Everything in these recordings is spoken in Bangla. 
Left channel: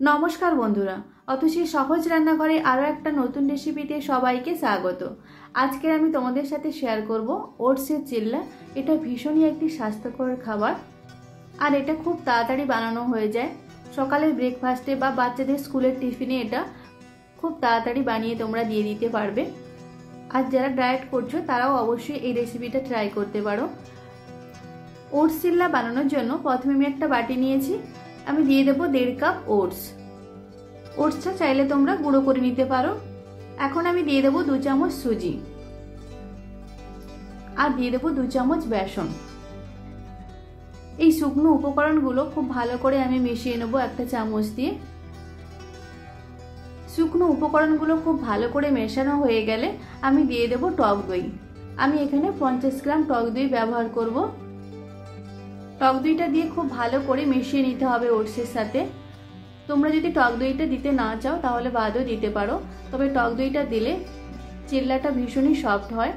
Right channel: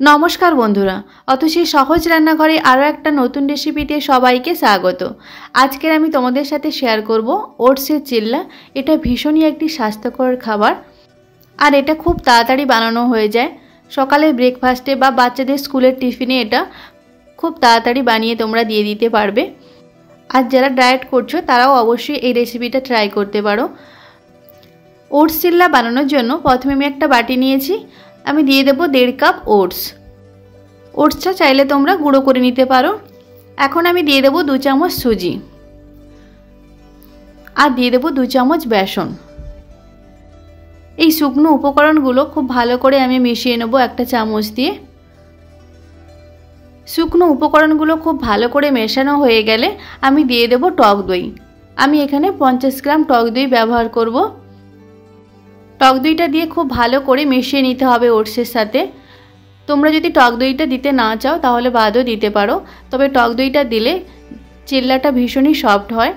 নমস্কার বন্ধুরা, অতসী সহজ রান্নাঘরে আরও একটা নতুন রেসিপিতে সবাইকে স্বাগত। আজকের আমি তোমাদের সাথে শেয়ার করব ওটসের চিল্লা। এটা ভীষণই একটি স্বাস্থ্যকর খাবার আর এটা খুব তাড়াতাড়ি বানানো হয়ে যায়। সকালের ব্রেকফাস্টে বা বাচ্চাদের স্কুলের টিফিনে এটা খুব তাড়াতাড়ি বানিয়ে তোমরা দিয়ে দিতে পারবে। আর যারা ডায়েট করছো তারাও অবশ্যই এই রেসিপিটা ট্রাই করতে পারো। ওটস চিল্লা বানানোর জন্য প্রথমে আমি একটা বাটি নিয়েছি, আমি দিয়ে দেবো 1.5 কাপ ওটস। ওটসটা চাইলে তোমরা গুঁড়ো করে নিতে পারো। এখন আমি দিয়ে দেবো 2 চামচ সুজি আর দিয়ে দেবো 2 চামচ বেসন। এই শুকনো উপকরণগুলো খুব ভালো করে আমি মিশিয়ে নেব একটা চামচ দিয়ে। শুকনো উপকরণগুলো খুব ভালো করে মেশানো হয়ে গেলে আমি দিয়ে দেবো টক দই। আমি এখানে 50 গ্রাম টক দই ব্যবহার করব। টক দইটা দিয়ে খুব ভালো করে মিশিয়ে নিতে হবে ওটসের সাথে। তোমরা যদি টক দইটা দিতে না চাও তাহলে বাদও দিতে পারো, তবে টক দইটা দিলে চিল্লাটা ভীষণই সফট হয়।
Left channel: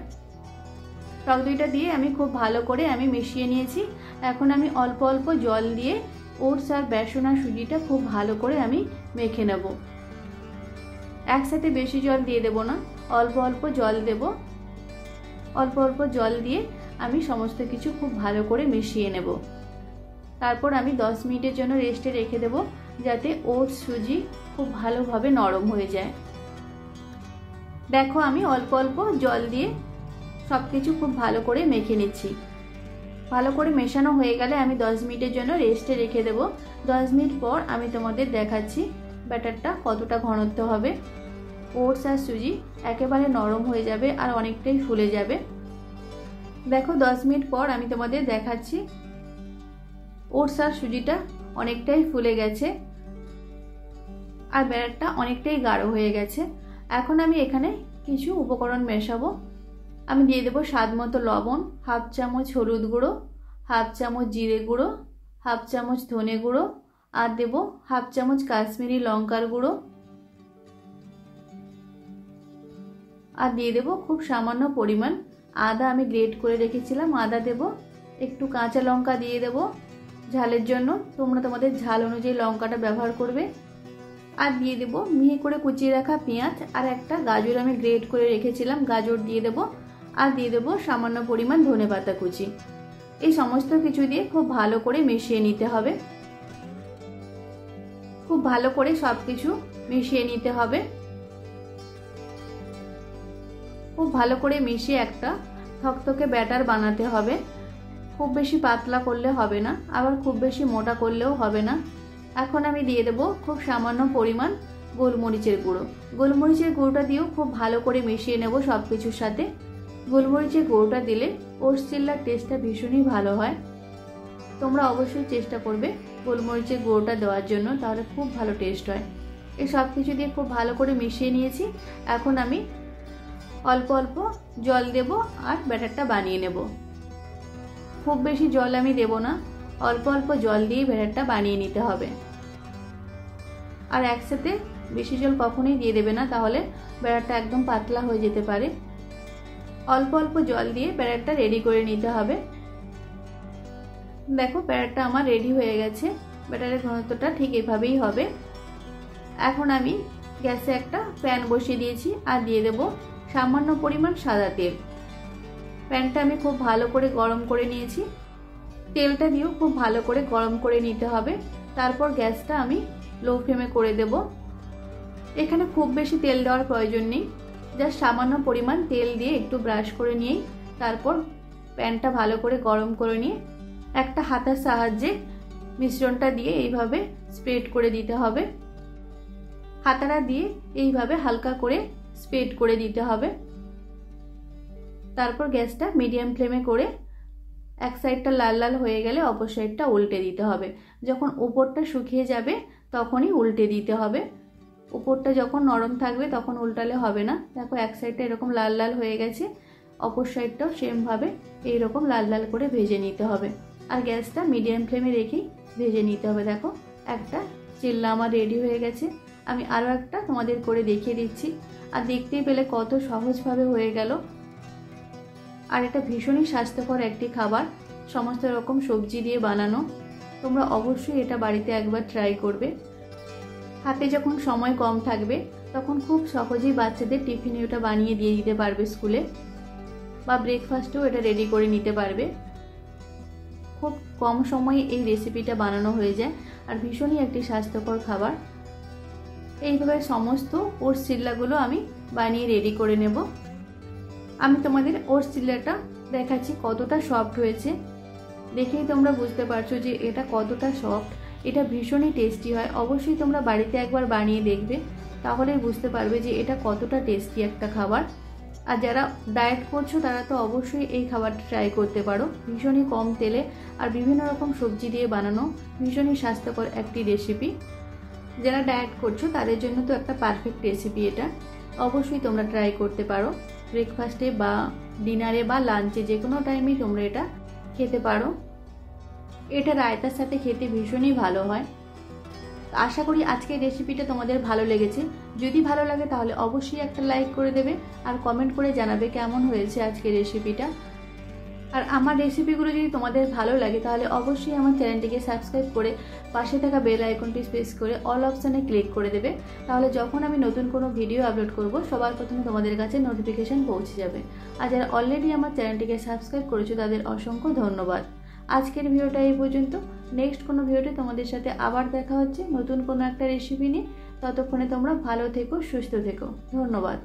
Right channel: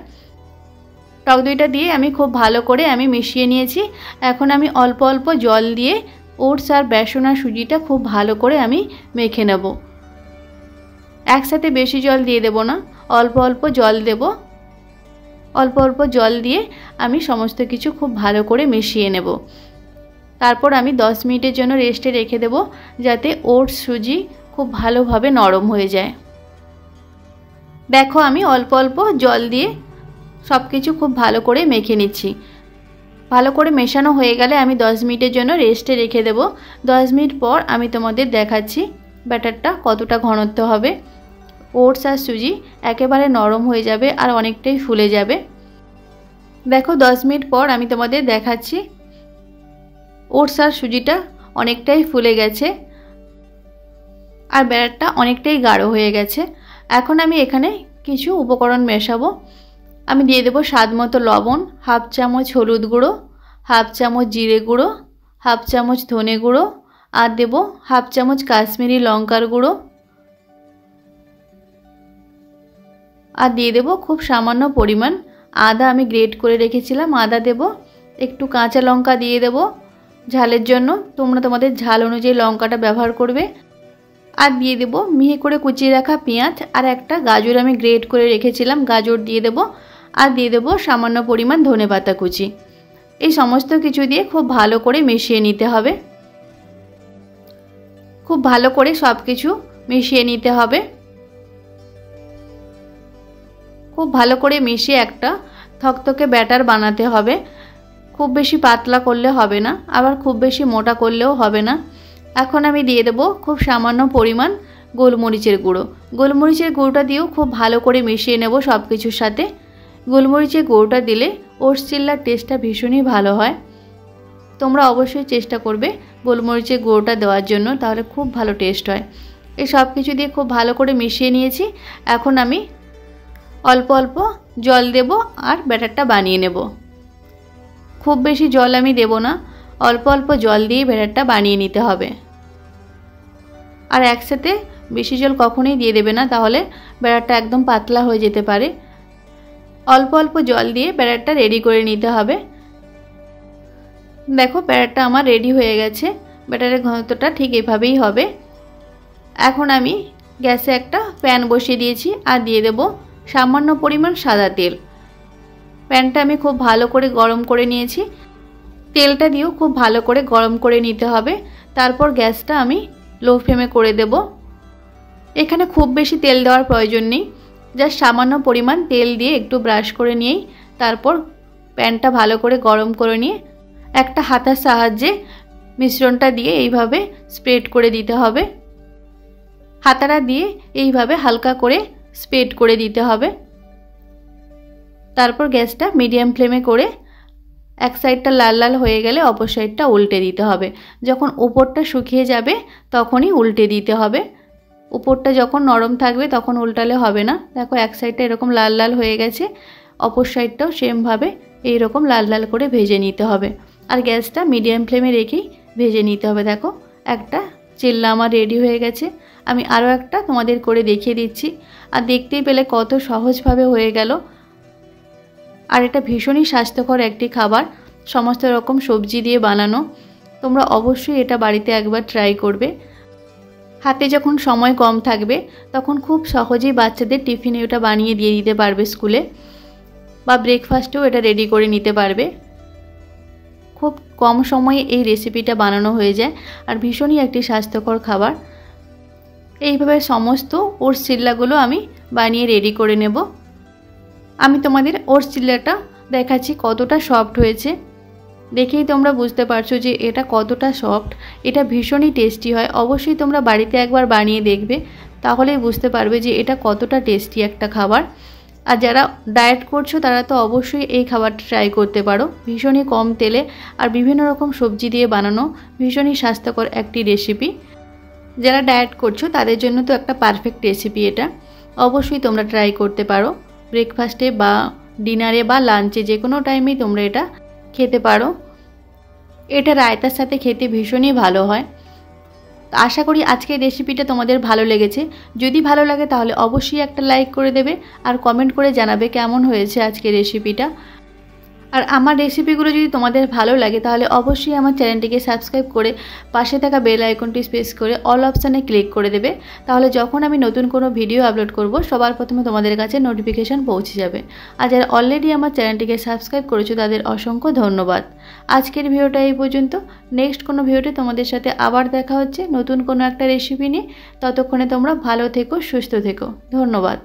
টক দইটা দিয়ে আমি খুব ভালো করে মিশিয়ে নিয়েছি। এখন আমি অল্প অল্প জল দিয়ে ওটস আর বেসন আর সুজিটা খুব ভালো করে মেখে নেব। একসাথে বেশি জল দিয়ে দেব না, অল্প অল্প জল দেব। অল্প অল্প জল দিয়ে আমি সমস্ত কিছু খুব ভালো করে মিশিয়ে নেব। তারপর আমি 10 মিনিটের জন্য রেস্টে রেখে দেব, যাতে ওটস সুজি খুব ভালোভাবে নরম হয়ে যায়। দেখো আমি অল্প অল্প জল দিয়ে সব কিছু খুব ভালো করে মেখে নিচ্ছি। ভালো করে মেশানো হয়ে গেলে আমি 10 মিনিটের জন্য রেস্টে রেখে দেব। 10 মিনিট পর আমি তোমাদের দেখাচ্ছি ব্যাটারটা কতটা ঘনত্ব হবে। ওটস আর সুজি একেবারে নরম হয়ে যাবে আর অনেকটাই ফুলে যাবে। দেখো 10 মিনিট পর আমি তোমাদের দেখাচ্ছি ওটস আর সুজিটা অনেকটাই ফুলে গেছে আর ব্যাটারটা অনেকটাই গাঢ় হয়ে গেছে। এখন আমি এখানে কিছু উপকরণ মেশাবো। আমি দিয়ে দেবো স্বাদ মতো লবণ, হাফ চামচ হলুদ গুঁড়ো, হাফ চামচ জিরে গুঁড়ো, হাফ চামচ ধনে গুঁড়ো আর দেবো হাফ চামচ কাশ্মীরি লঙ্কার গুঁড়ো আর দিয়ে দেবো খুব সামান্য পরিমাণ আদা। আমি গ্রেট করে রেখেছিলাম আদা দেব। একটু কাঁচা লঙ্কা দিয়ে দেব ঝালের জন্য, তোমরা তোমাদের ঝাল অনুযায়ী লঙ্কাটা ব্যবহার করবে। আর দিয়ে দেব মিহি করে কুচিয়ে রাখা পেঁয়াজ আর একটা গাজর আমি গ্রেট করে রেখেছিলাম, গাজর দিয়ে দেব। আর দিয়ে দেব সামান্য পরিমাণ ধনেপাতা কুচি। এই সমস্ত কিছু দিয়ে খুব ভালো করে মিশিয়ে নিতে হবে। খুব ভালো করে সব কিছু মিশিয়ে নিতে হবে। খুব ভালো করে মিশিয়ে একটা থকথকে ব্যাটার বানাতে হবে। খুব বেশি পাতলা করলে হবে না, আবার খুব বেশি মোটা করলেও হবে না। এখন আমি দিয়ে দেব খুব সামান্য পরিমাণ গোলমরিচের গুঁড়ো। গোলমরিচের গুঁড়োটা দিয়েও খুব ভালো করে মিশিয়ে নেব সব কিছুর সাথে। গোলমরিচের গুঁড়োটা দিলে ওটস চিল্লার টেস্টটা ভীষণই ভালো হয়। তোমরা অবশ্যই চেষ্টা করবে গোলমরিচের গুঁড়োটা দেওয়ার জন্য, তাহলে খুব ভালো টেস্ট হয়। এই সব কিছু দিয়ে খুব ভালো করে মিশিয়ে নিয়েছি। এখন আমি অল্প অল্প জল দেব আর ব্যাটারটা বানিয়ে নেব। খুব বেশি জল আমি দেব না, অল্প অল্প জল দিয়ে ব্যাটারটা বানিয়ে নিতে হবে। আর একসাথে বেশি জল কখনোই দিয়ে দেবে না, তাহলে ব্যাটারটা একদম পাতলা হয়ে যেতে পারে। অল্প অল্প জল দিয়ে ব্যাটারটা রেডি করে নিতে হবে। দেখো ব্যাটারটা আমার রেডি হয়ে গেছে। ব্যাটারের ঘনত্বটা ঠিক এভাবেই হবে। এখন আমি গ্যাসে একটা প্যান বসিয়ে দিয়েছি আর দিয়ে দেব সামান্য পরিমাণ সাদা তেল। প্যানটা আমি খুব ভালো করে গরম করে নিয়েছি। তেলটা দিয়েও খুব ভালো করে গরম করে নিতে হবে। তারপর গ্যাসটা আমি লো ফ্লেমে করে দেব। এখানে খুব বেশি তেল দেওয়ার প্রয়োজন নেই, জাস্ট সামান্য পরিমাণ তেল দিয়ে একটু ব্রাশ করে নিয়েই তারপর প্যানটা ভালো করে গরম করে নিয়ে একটা হাতার সাহায্যে মিশ্রণটা দিয়ে এইভাবে স্প্রেড করে দিতে হবে। হাতাটা দিয়ে এইভাবে হালকা করে স্প্রেড করে দিতে হবে। তারপর গ্যাসটা মিডিয়াম ফ্লেমে করে এক সাইডটা লাল লাল হয়ে গেলে অপর সাইডটা উল্টে দিতে হবে। যখন উপরটা শুকিয়ে যাবে তখনই উল্টে দিতে হবে। উপরটা যখন নরম থাকবে তখন উল্টালে হবে না। দেখো এক সাইডটা এরকম লাল লাল হয়ে গেছে, অপর সাইডটাও সেমভাবে এইরকম লাল লাল করে ভেজে নিতে হবে। আর গ্যাসটা মিডিয়াম ফ্লেমে রেখেই ভেজে নিতে হবে। দেখো একটা চিল্লা আমার রেডি হয়ে গেছে। আমি আরও একটা তোমাদের করে দেখিয়ে দিচ্ছি। আর দেখতেই পেলে কত সহজভাবে হয়ে গেল। আর এটা ভীষণই স্বাস্থ্যকর একটি খাবার, সমস্ত রকম সবজি দিয়ে বানানো। তোমরা অবশ্যই এটা বাড়িতে একবার ট্রাই করবে। হাতে যখন সময় কম থাকবে তখন খুব সহজেই বাচ্চাদের টিফিনে ওটা বানিয়ে দিয়ে দিতে পারবে স্কুলে, বা ব্রেকফাস্টেও এটা রেডি করে নিতে পারবে। খুব কম সময়ে এই রেসিপিটা বানানো হয়ে যায় আর ভীষণই একটি স্বাস্থ্যকর খাবার। এইভাবে সমস্ত ওটস চিল্লাগুলো আমি বানিয়ে রেডি করে নেব। আমি তোমাদের ওটস চিল্লাটা দেখাচ্ছি কতটা সফট হয়েছে। দেখেই তোমরা বুঝতে পারছো যে এটা কতটা সফট। এটা ভীষণই টেস্টি হয়। অবশ্যই তোমরা বাড়িতে একবার বানিয়ে দেখবে, তাহলেই বুঝতে পারবে যে এটা কতটা টেস্টি একটা খাবার। আর যারা ডায়েট করছো তারা তো অবশ্যই এই খাবারটা ট্রাই করতে পারো। ভীষণই কম তেলে আর বিভিন্ন রকম সবজি দিয়ে বানানো ভীষণই স্বাস্থ্যকর একটি রেসিপি। যারা ডায়েট করছো তাদের জন্য তো একটা পারফেক্ট রেসিপি এটা। অবশ্যই তোমরা ট্রাই করতে পারো। ব্রেকফাস্টে বা ডিনারে বা লাঞ্চে যে কোনো টাইমেই তোমরা এটা খেতে পারো। এটা রায়তার সাথে খেতে ভীষণই ভালো হয়। আশা করি আজকের রেসিপিটা তোমাদের ভালো লেগেছে। যদি ভালো লাগে তাহলে অবশ্যই একটা লাইক করে দেবে আর কমেন্ট করে জানাবে কেমন হয়েছে আজকের রেসিপিটা। আর আমার রেসিপিগুলো যদি তোমাদের ভালো লাগে তাহলে অবশ্যই আমার চ্যানেলটিকে সাবস্ক্রাইব করে পাশে থাকা বেল আইকনটি প্রেস করে অল অপশানে ক্লিক করে দেবে। তাহলে যখন আমি নতুন কোনো ভিডিও আপলোড করব সবার প্রথমে তোমাদের কাছে নোটিফিকেশান পৌঁছে যাবে। আর যারা অলরেডি আমার চ্যানেলটিকে সাবস্ক্রাইব করেছো তাদের অসংখ্য ধন্যবাদ। আজকের ভিডিওটা এই পর্যন্ত। নেক্সট কোনো ভিডিওতে তোমাদের সাথে আবার দেখা হচ্ছে নতুন কোনো একটা রেসিপি নিয়ে। ততক্ষণে তোমরা ভালো থেকো, সুস্থ থেকো। ধন্যবাদ।